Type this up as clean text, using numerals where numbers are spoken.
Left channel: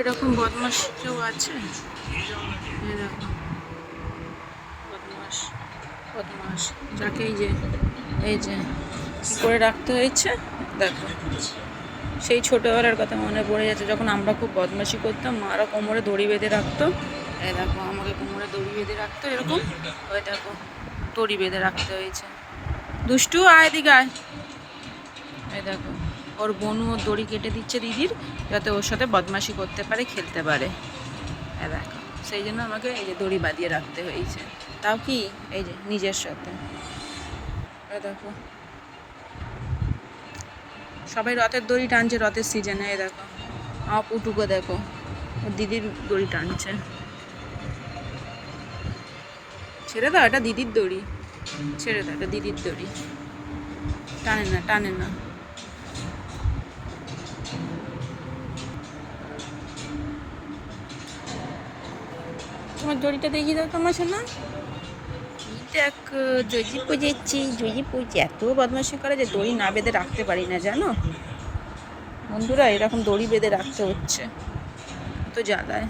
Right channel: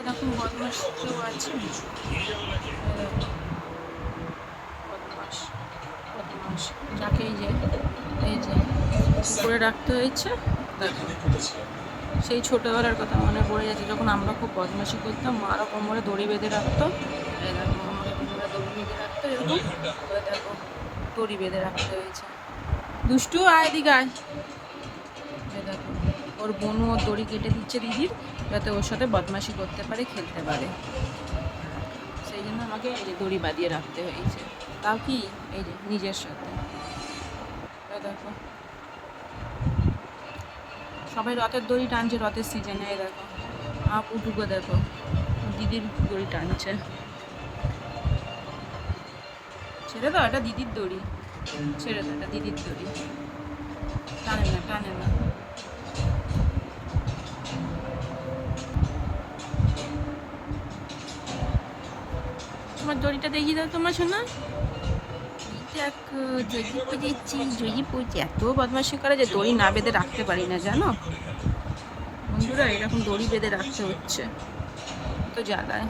এরকম বদমাশ কেউ আছে? এই দেখো, বদমাশ বদমাশ যাকে এই যে কি করে রাখতে হয়েছে দেখো। সেই ছোটোবেলার কথা মনে পড়ে যাচ্ছে, যখন আমরা খুব বদমাশি করতাম, মারা কোমরে দড়ি বেঁধে রাখতো। এই দেখো, আমাকে কোমরে দড়ি বেঁধে রাখতো এরকম। ওই দেখো, দড়ি বেঁধে রাখতে হয়েছে। দুষ্টু, আয় এদিকে আয়। এই দেখো, ওর বোনু ওর দড়ি কেটে দিচ্ছে দিদির, যাতে ওর সাথে বদমাশি করতে পারে, খেলতে পারে। দেখো, সেই জন্য আমাকে এই যে দড়ি বাঁধিয়ে রাখতে হয়েছে। তাও কি, এই যে নিজের সাথে। দেখো, সবাই রথের দড়ি টানছে, রথের সিজনে। এই দেখো, আমার পুটুকো দেখো, ওর দিদির দড়ি টানছে। ছেড়ে দাও, এটা দিদির দড়ি। ছেড়ে দাও, এটা দিদির দড়ি। টানে না, টানে না। তোমার দড়িটা দেখিয়ে দাও তোমার সোনা। দেখো, জজি পুজেছি, জজি পুজে এত বদমাশি করে যে দড়ি না বেঁধে রাখতে পারি না, জানো বন্ধুরা। এরকম দড়ি বেঁধে রাখতে হচ্ছে, তো জ্বালায়।